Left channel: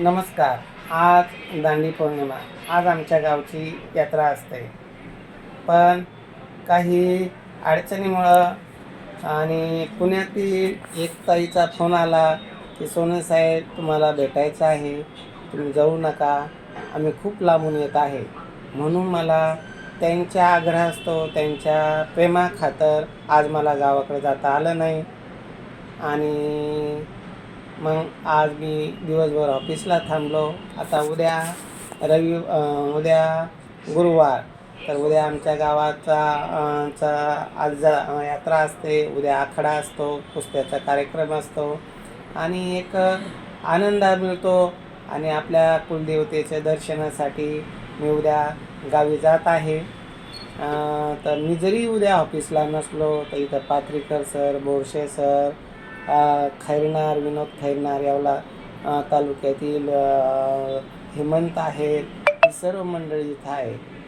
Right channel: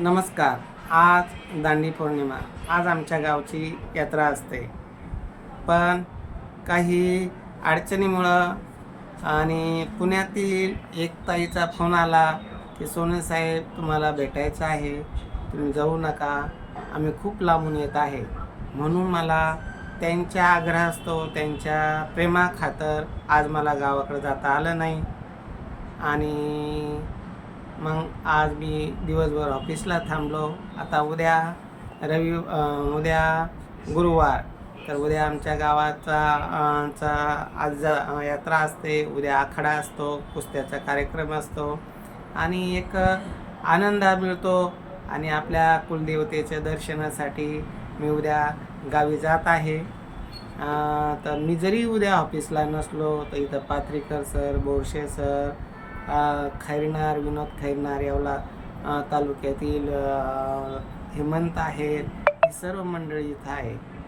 नमस्कार आज दांडी पौर्णिमा. आज आमच्या गावची यात्रा असते. पण काही अडचणीमुळं आणि पुण्यातील एक ताईचा फोन आला की सोने साहेब तुम्हाला भेटायचं आहे. तुम्ही जाऊ नका. आम्ही खूप लांबून येत आहे. म्हणून मला त्यांच्या आग्रहास्तव त्यांच्या प्रेमाखातर आज मला गावाकडे जाता आलं नाही. आणि मग आज मी दिवसभर ऑफिसला थांबलो. आता उद्या रवि उद्या गुरुवार. तर उद्या आमच्या गावाचा चा आज जा- यात्रा असते. उद्या आखाडा असतो कुस्त्याचा कार्यक्रम असतो. आणि एक आनंद मिळतो आणि आपल्या कुलदेवतेच्या दर्शनासाठी मी उद्या गावी जात आहे. तर मी जरी उद्या ऑफिसला नसलो तर इथं पाथरीकर सर बोरशे सर खैरनार विनोद खैरनार यावला तालुक्यातील हेमंत आहेत ही सर्व मंडळी इथं आहे